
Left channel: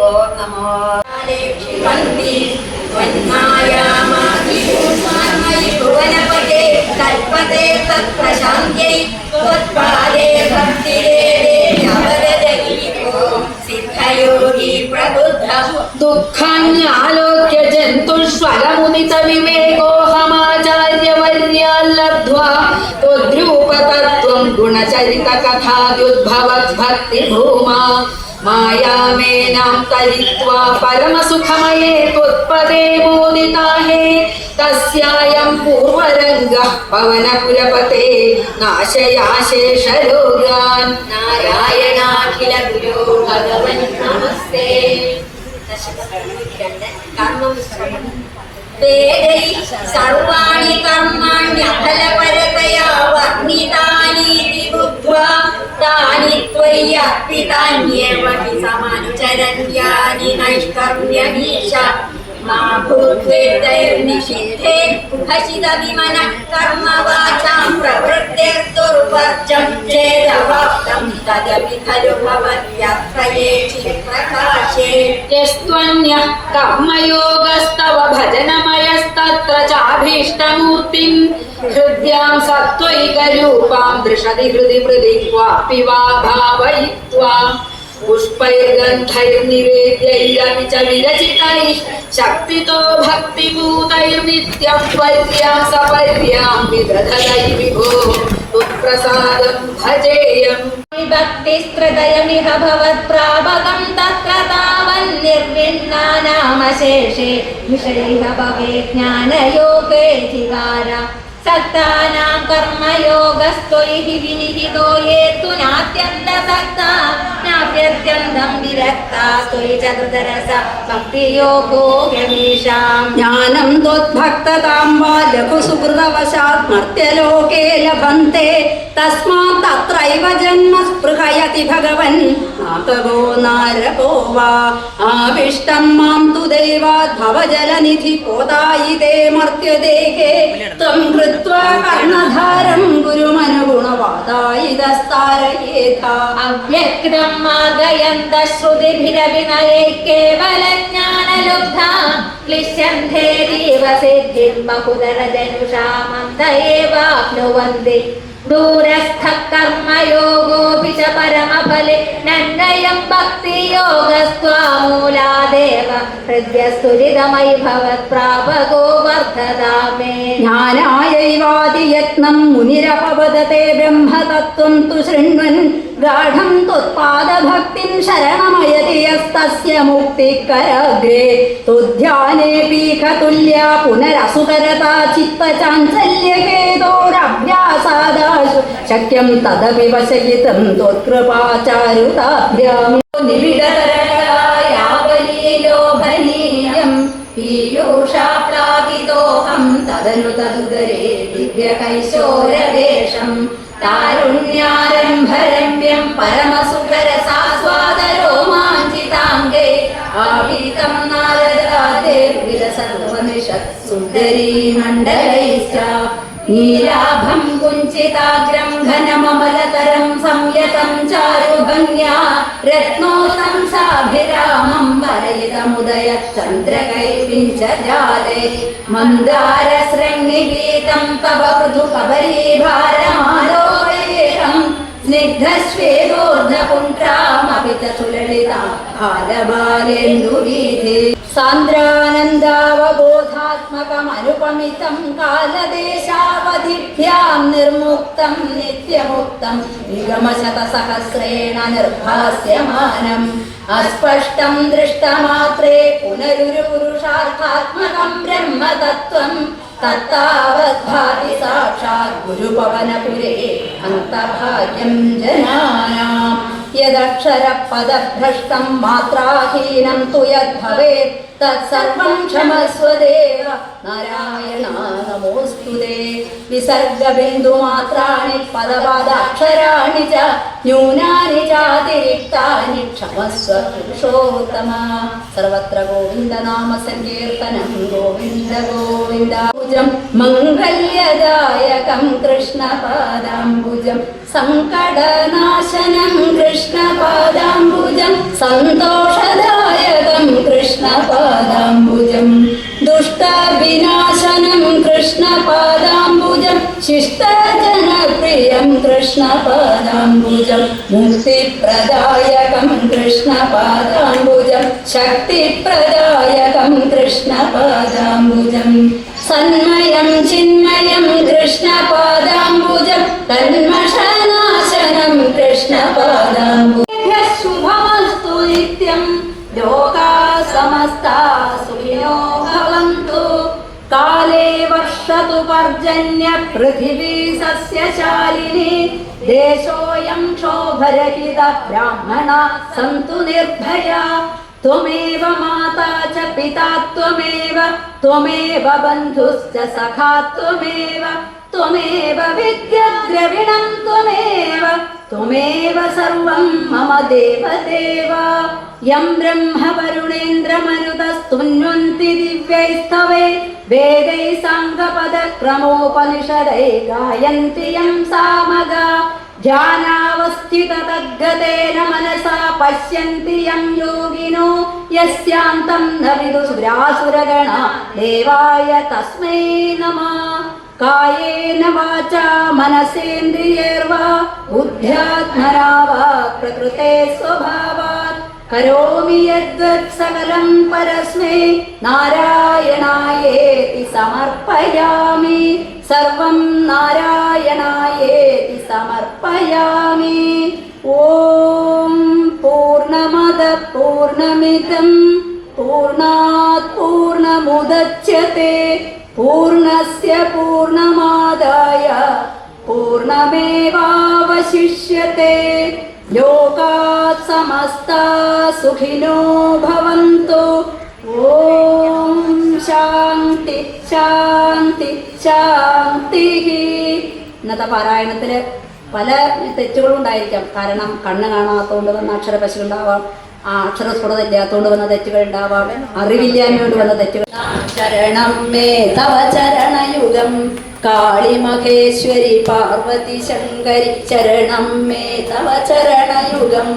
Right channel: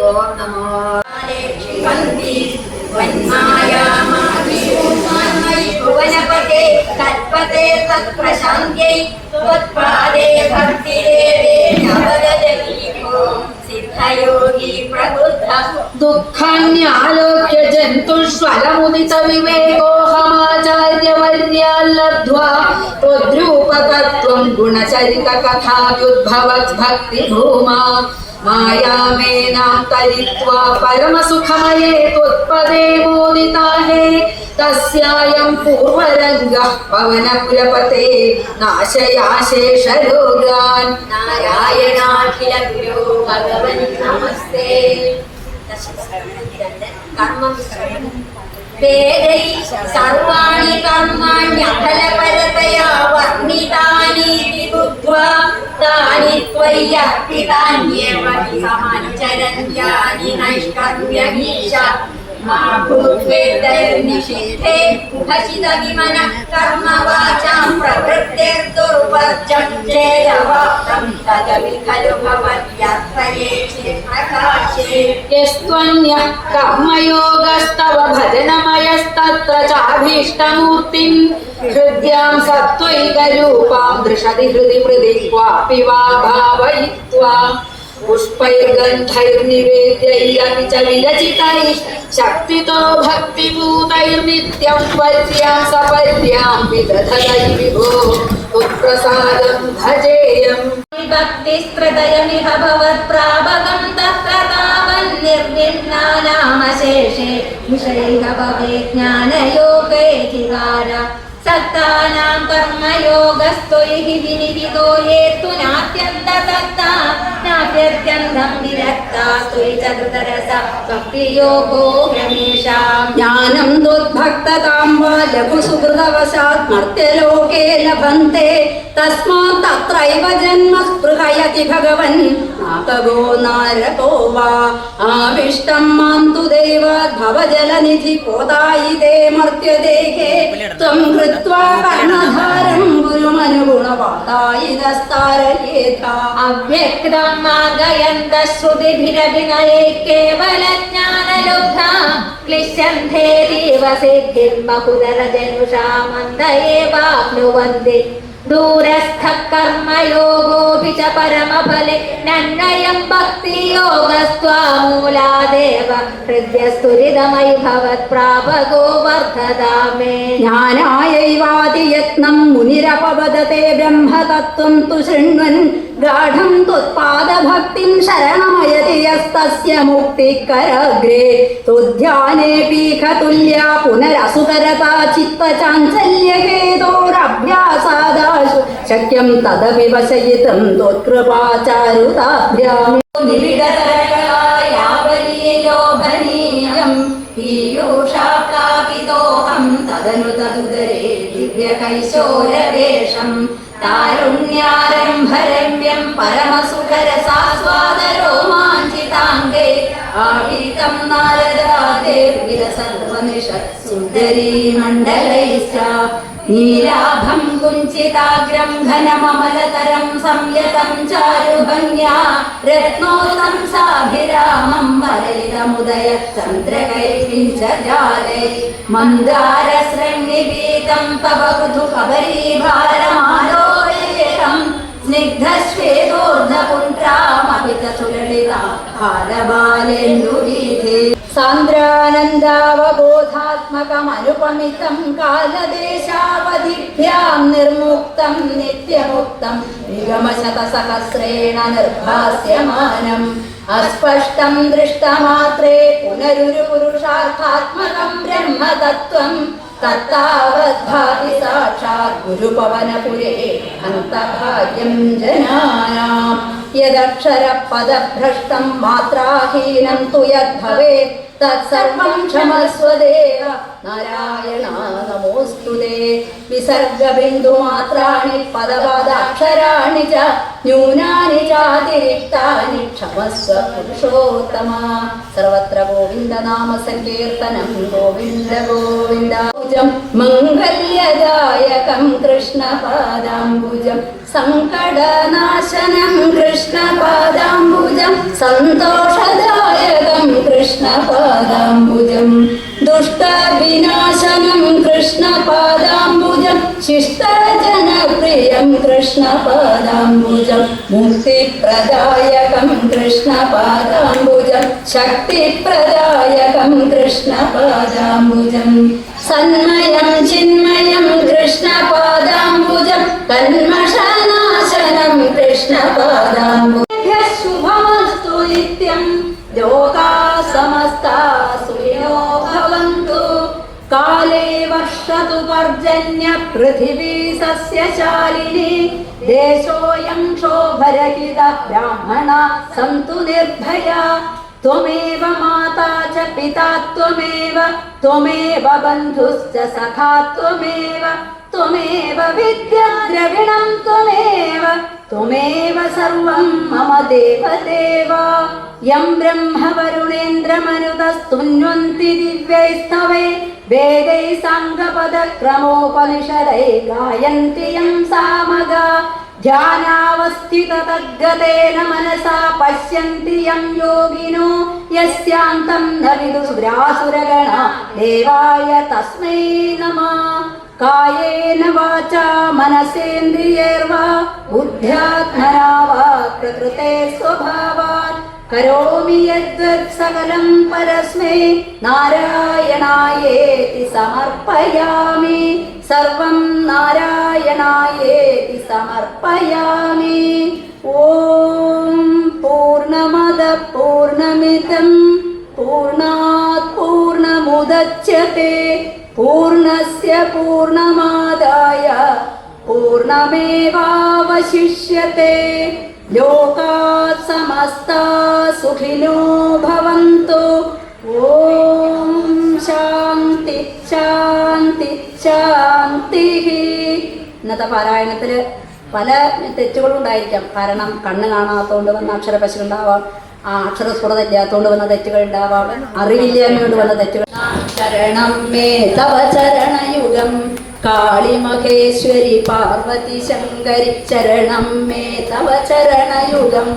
ഓം നമോ ഭുവനപതേ കൽപ്പതേ തത്പ്രശാന്ത്यै ത്വത്പാദേ ഭക്തിരേവേ നവഗതഗീതോ സിദ്ധയോഗി പ്രബുദ്ധഃ. ദുഃഖാന്യാലോക്യ ജന്തുഷ്വലമുദിത വിവേകോഹമാചാര്യവർയാല്ലബ്ധ്വാ ത്വദ്രൂപതത്വം ഗുണചരിത കഥാദ്യുദ്ഭവദ്ഭക്തിഭൂമാ മായാമേനാം തരിത്വാ പരമസുഖമയേ ത്വത്പദേ മോദിതാഹേ. തസ്യായം പൂർവരംഗഃ പവനപുരപതേ നാശയാശേഷരോഗാൻ. നാരായണാഖില ഗുരു ഭഗവൻ നമസ്തേ. കർമ്മവിസ്മരണം. വേദൈ സർവാണി കർമാണ്യഫലപരതയാ വർണ്ണിതാനീതി ബുദ്ധ്വാ താനി ത്വയ്യർപ്പിതാന്യേവ ഹി സമാനുചരന്യാനി നൈഷ്കർമ്യമീശ. മാ ഭൂത്വേദൈർനിഷിദ്ധേ ഹസിത വിമന കർമ്മവാചാം പ്രവൃത്തിർദുർവർജം ചേദവാപ്തം തദപി ഖലു ഭവത്യർത്ഥയേ ചിത്രകാശേ. യസ്ത്വന്യഃ കർമ്മയോഗസ്തവ ഭജനമയസ്തത്ര ചാഭീഷ്ടമൂർത്തിം ഹൃദ്യാം സത്വൈകരൂപാം ദൃശതി ഹൃദി ഹൃദി ക്വാപി വാ ഭാവയിത്വാ പുഷ്പൈർഗന്ധൈർനിവേദ്യൈരപി ച വിരചിതൈഃ ശക്തിതോ ഭക്തിഭൂതൈർനിത്യം ത്വര്യാം സപര്യാം വിദധതൈ വിഭോ ഉത്പ്രസാദം ഭജേയം. ഭക്തിസ്ത്രതയമിഹ ഭവത്പ്രാപകം തത്ര താവന്നിർവിണ്ണാനാമശേഷേ വിഷയൈഹ ഭവേ ജ്ഞാനയോഗേധികാര. സക്താനാം കർമ്മയോഗസ്ത്വൈഹി വിനിഹിതോ യേതു നാത്യന്തസക്താ നാപ്യത്യന്തം വിരക്താ ത്വയി ചതുതരസ ഭക്തിയോഗോ ഹ്യമീഷാം. ജ്ഞാനം ത്വദ്ഭക്തതാം വാ ലഘുസുഹൃതവശാത് മർത്യലോകേ ലഭന്തെ തസ്മാत् തത്രൈവ ജന്മ സ്പൃഹയതി ഭഗവൻ നാകഗോ നാരകോ വാ. ആവിഷ്ടം മാം തു ദൈവാത് ഭവജലനിധി കോദായിതേ മർത്യദേഹേ ത്വം കൃത്വാ കർണധാരം ഗുരുമനുഗുണവാദായിതസ്താരയേഥാ. അവ്യക്തം മാർഗയന്ത ശ്രുതിഭിരഭിനയേ കേവലജ്ഞാനലുബ്ധാ ക്ലിശന്ധേരീവ സിദ്ധിം ബഹുധരജനുഷാ മന്ദ ഏവാപ്നുവന്തി. ദൂരസ്ഥ കർമ്മയോഗോപി ച പരമഫലെ നന്നയം ഭക്തിയോഗസ്ത്വാമൂലാദേവ ഹൃദ്യസ്തുരിതമയി ഭവത്പ്രാപകോ വർദ്ധതാമേ. ജ്ഞാനായൈവാദിയത്നം മുനിരപവദത്തെ ബ്രഹ്മതത്വം തു ശൃണ്വൻ ഗാഢം ത്വത്പാദഭക്തിം ശരണമയതി യസ്തസ്യ മുക്തികരാഗ്രേ. തുധ്യാനേപീഖതുല്യാ പുനരസുതരതാ ചിത്തചാഞ്ചല്യഹേതോരഭ്യാസാദാശു ശക്യം തദപി വശയിതും ത്വത്കൃപാചാരുതാഭ്യാം. നിബിഡതരകളായാവലീലോഭനീയം പീയൂഷാപ്ലാവിതോഹം തദനു തദുദരേ ദിവ്യകൈശോരവേഷം. താരുണ്യാരംഭരമ്യം പരമസുഖരസാസ്വാദരോമാഞ്ചിതാംഗേ ആവിതം നാരദാദേ വിരസർവനിഷത് സുന്ദരീ മണ്ഡലൈശ്ച. നീലാഭം കുഞ്ചിതാഗ്രം ഘനമമലതരം സംയതം ചാരുഭംഗ്യാ രത്നോത്തം സാഭിരാമം വരയിതമുദയ ചന്ദ്രകൈപിഞ്ചജാലേ. മന്ദാരശൃംഗിപീതം തവ പൃഥു കബരീഭാരമാലോകേയം സ്നിഗ്ധശ്വേതോർധപുണ്ട്രാമപി ചുലളിതാകാരബാലേन्दुवीथे. സാന്ദ്രാനന്ദാവബോധാത്മകമനുപമിതം കാലദേശാവധിഭ്യാം നിർമുക്തം നിത്യമുക്തം നിഗമശതസഹസ്രേണ നിർഭാസ്യമാനം. അസ്പഷ്ടം ദൃഷ്ടമാത്രേ പുനരുരു പുരുഷാർത്ഥാത്മകം ബ്രഹ്മതത്വം തത്താവദ്ഭാതി സാക്ഷാത് ഗുരുപവനപുരേ അന്തഭാഗ്യം ജനാനാം. യദക്ഷരപദഭ്രഷ്ടം മാത്രാഹീനം തു യദ്ഭവേത് തത്സർവം ക്ഷമസ്വദേവ നാരായണ നമോസ്തുതേ. വിസർഗബിന്ദുമാത്രാണി പദപദാക്ഷരാണി ച ന്യൂനാനി ചാതിരിക്താനി ക്ഷമസ്വ പുരുഷോത്തമ. സർവത്ര ഗോവിന്ദനാമ സങ്കീർത്തനം ഗോവിന്ദ ഗോവിന്ദ. മംഗല്യദായകം കൃഷ്ണപാദാംബുജം സങ്കടനാശനം കൃഷ്ണപാദാംബുജം സന്തോഷദായകം കൃഷ്ണപാദാംബുജം ദുഷ്ടവിനാശനം കൃഷ്ണപാദാംബുജം ശിഷ്ടജനപ്രിയം കൃഷ്ണപാദാംബുജം മുക്തിപ്രദായകം കൃഷ്ണപാദാംബുജം ശക്തിപ്രദായകം കൃഷ്ണപാദാംബുജം സന്മയം ചിന്മയം കൃഷ്ണപാദാംബുജം കന്മഷനാശനം കൃഷ്ണപാദാംബുജം. ശുഭമസ്തു നിത്യം ലോകാ സമസ്താ സുഖിനോ ഭവന്തു. കാലേ വർഷതു പർജന്യ പൃഥിവീ സസ്യശാലിനി. ദേശോയം ക്ഷോഭരഹിത ബ്രാഹ്മണാ സന്തു നിർഭയാ. ത്വമേവ മാതാ ച പിതാ ത്വമേവ ത്വമേവ ബന്ധുശ്ച സഖാ ത്വമേവ ത്വമേവ വിദ്യാദ്രവിണം ത്വമേവ ത്വമേവ സർവം മമ ദേവദേവ. യം ബ്രഹ്മ വരുണേന്ദ്രമരുതസ്തുന്വന്തി ദിവ്യൈസ്തവൈ വേദൈ സാംഗപദക്രമോപനിഷദൈ ഗായന്തി യം സാമഗാ. ധ്യാനാവസ്ഥിതതദ്ഗതേന മനസാ പശ്യന്തി യം യോഗിനോ യസ്യാന്തം ന വിദുസുരാസുരഗണാ ദേവായ തസ്മൈ നമഃ. കായേന വാചാ മനസേന്ദ്രിയൈർവാ ബുദ്ധ്യാത്മനാ വാ പ്രകൃതേ സ്വഭാവാത് കരോമി യദ്വത് സകലം പരസ്മൈ നാരായണായേതി സമർപ്പയാമി. സർവം നാരായണായേതി സമർപ്പയാമി. ഓം പൂർണ്ണമദ പൂർണ്ണമിദം പൂർണ്ണാത് പൂർണ്ണമുദച്യത്തെ പൂർണ്ണസ്യ പൂർണ്ണമാദായ പൂർണ്ണമേവാവശിഷ്യത്തെ. ലോകാത് സമസ്താ സുഖിനോ ഭവന്തു. ഓം ശാന്തി ശാന്തി ശാന്തി. ഇന്നത്തെ പാരായണത്തിൽ പല തെറ്റുകളും ഉണ്ടായിരിക്കാം. കാരണം കണ്ണ് കാണാത്തതുകൊണ്ട് വന്ന അക്ഷരപശ ഉണ്ടാവാം, അക്ഷരസ്ഫുടത ഇല്ലാത്തതുകൊണ്ട് വന്ന തെറ്റുകൾ ഉണ്ടാവാം, അറിവില്ലായ്മ വന്ന തെറ്റുകൾ. ശരണം മേ തവ ചരണയുഗം കാളി മഹേശ്വരി പാർവതി ശങ്കരി. ശരണം മേ തവ ചരണയുഗം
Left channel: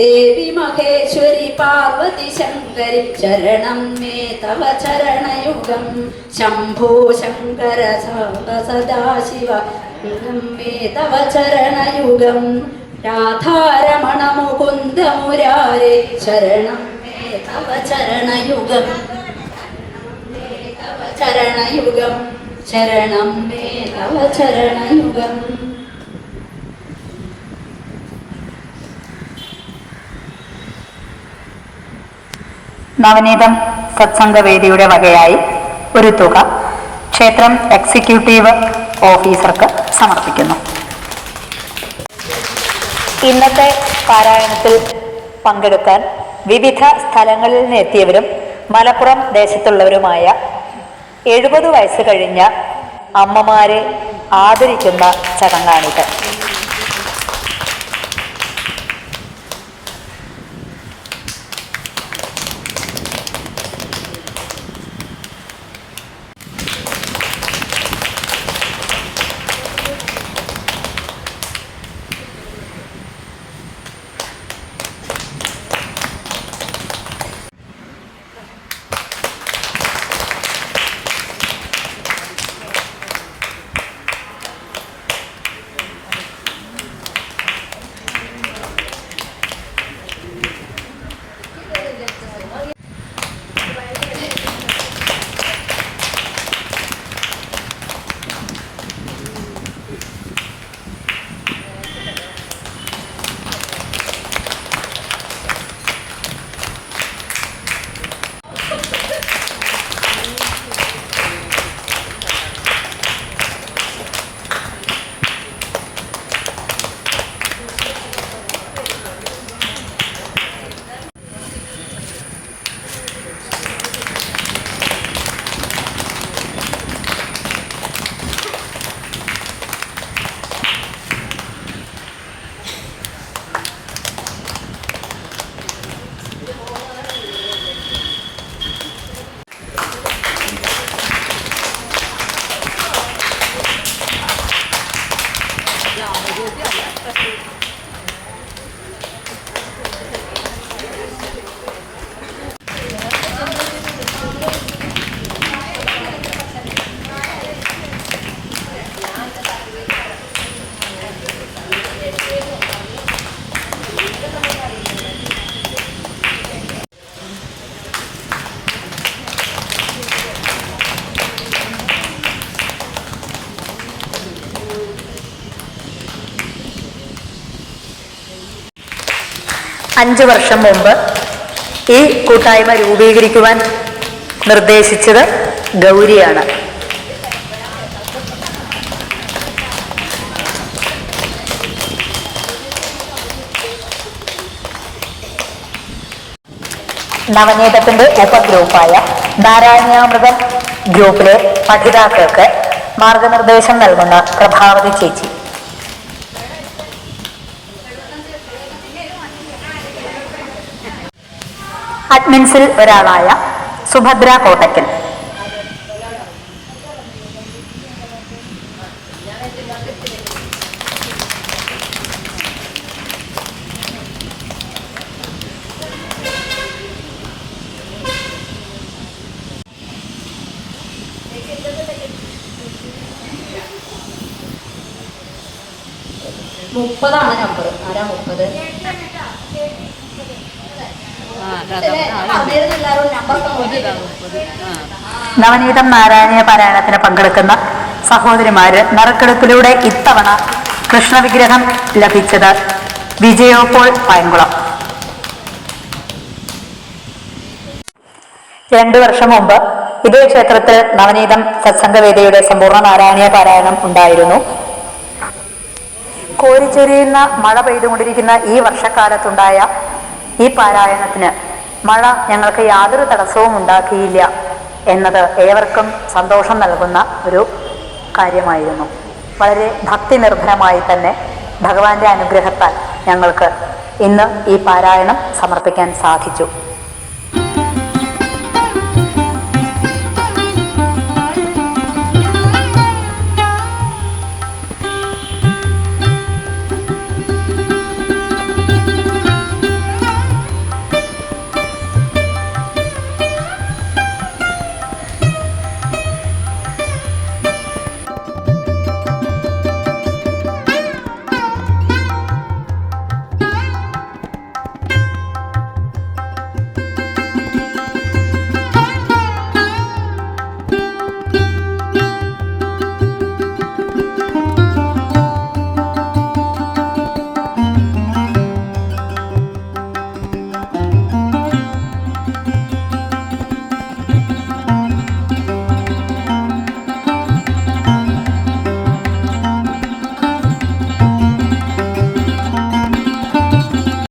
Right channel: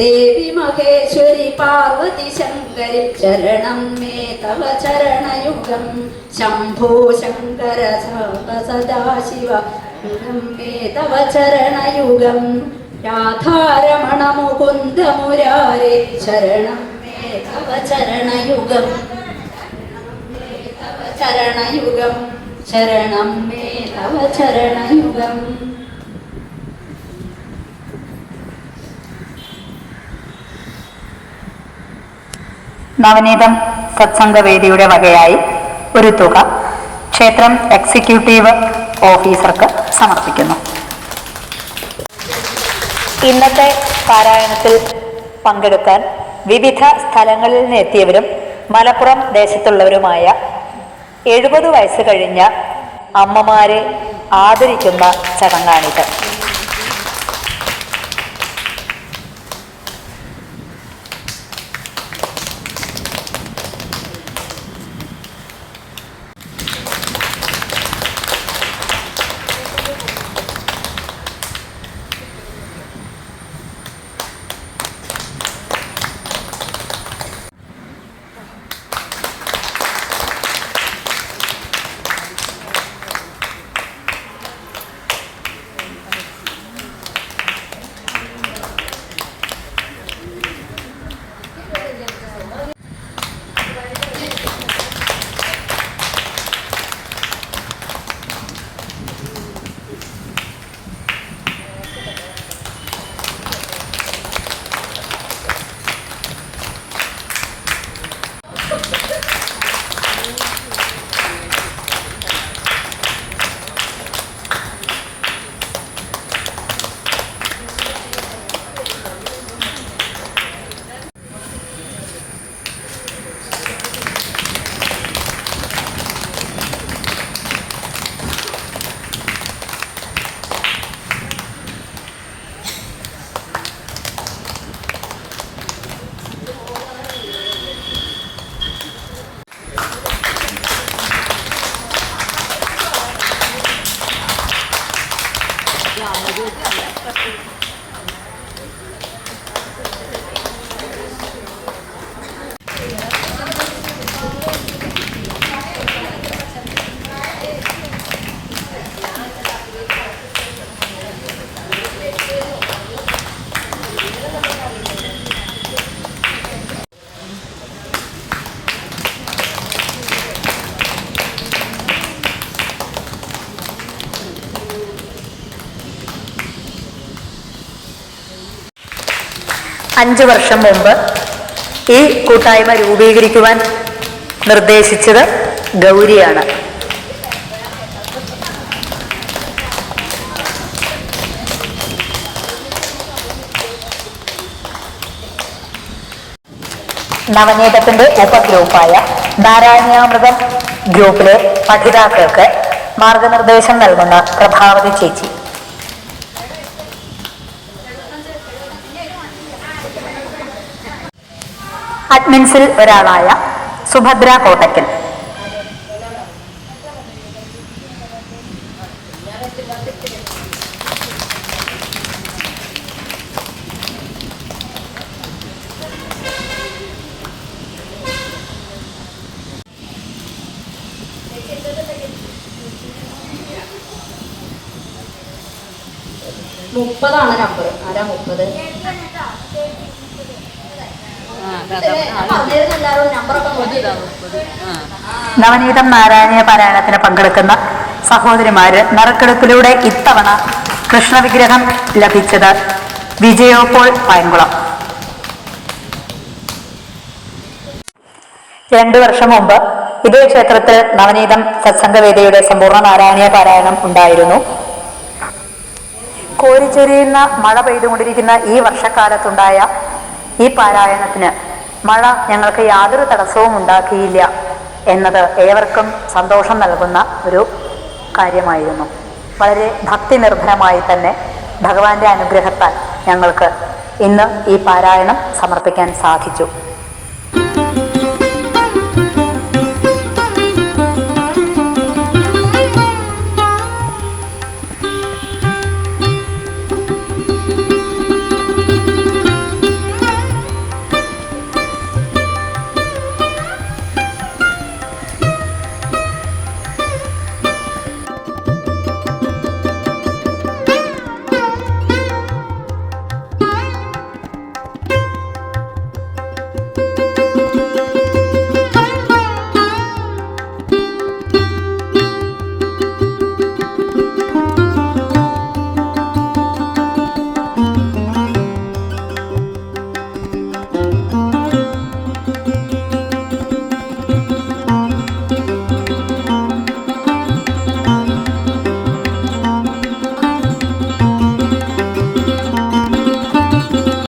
ദേവി മഹേശ്വരി പാർവതി ശങ്കരി. ശരണം മേ തവ ചരണയുഗം ശംഭോ ശങ്കര സദാശിവ മേ തവ ചരണയുഗം. രാധാരമണ മുകുന്ദ മുരാരേ ശരണം മേ തവ ചരണയുഗം ചരണയുഗം ശരണം മേ തവ ചരണയുഗം. നവനീതം സത്സംഗവേദിയുടെ വകയായി ഒരു തുക ക്ഷേത്രം എക്സിക്യൂട്ടീവ് ഓഫീസർക്ക് സമർപ്പിക്കുന്നു. ഇന്നത്തെ പാരായണത്തിൽ പങ്കെടുക്കാൻ വിവിധ സ്ഥലങ്ങളിൽ നിന്ന് എത്തിയവരും മലപ്പുറം ദേശത്തുള്ളവരുമായ 70 വയസ്സ് കഴിഞ്ഞ അമ്മമാരെ ആദരിക്കുന്ന ചടങ്ങാണിത്. 5 വർഷം മുമ്പ് ഈ കൂട്ടായ്മ രൂപീകരിക്കുവാൻ നിർദ്ദേശിച്ചത് ഗൗരിയാണ്. നവനീതത്തിന്റെ ഉപഗ്രൂപ്പായ നാരായണീയാമൃതം ഗ്രൂപ്പിലെ പഠിതാക്കൾക്ക് മാർഗനിർദ്ദേശം നൽകുന്ന പ്രഭാവതി ചേച്ചി. അഡ്മിൻസിൽ ഒരാളായ സുഭദ്ര കോട്ടക്കൽ. മുപ്പതാണ് നമ്പർ. ആരാ 30? നവനീതം നാരായണീയ പാരായണത്തിന് പങ്കെടുക്കുന്ന സഹോദരിമാര് നറുക്കെടുപ്പിലൂടെ ഇത്തവണ കൃഷ്ണവിഗ്രഹം ലഭിച്ചത് വിജയോപോൾ പയങ്കുളം. 2 വർഷം മുമ്പ് ഇതേ ക്ഷേത്രത്തിൽ നവനീതം സത്സംഗവേദിയുടെ സമ്പൂർണ്ണ നാരായണീയ പാരായണം ഉണ്ടായിരുന്നു. കോരിച്ചൊരിയുന്ന മഴ പെയ്തുകൊണ്ടിരിക്കുന്ന ഈ വർഷക്കാലത്തുണ്ടായ ഈ പാരായണത്തിന് മഴ ഞങ്ങൾക്ക് യാതൊരു തടസ്സവും ഉണ്ടാക്കിയില്ല എന്നത് ഏവർക്കും സന്തോഷം നൽകുന്ന ഒരു കാര്യമായിരുന്നു. വളരെ ഭക്തി നിർഭരമായി തന്നെ ഭഗവാന്റെ അനുഗ്രഹത്താൽ ഞങ്ങൾക്ക് ഇന്ന് ഈ പാരായണം സമർപ്പിക്കാൻ സാധിച്ചു.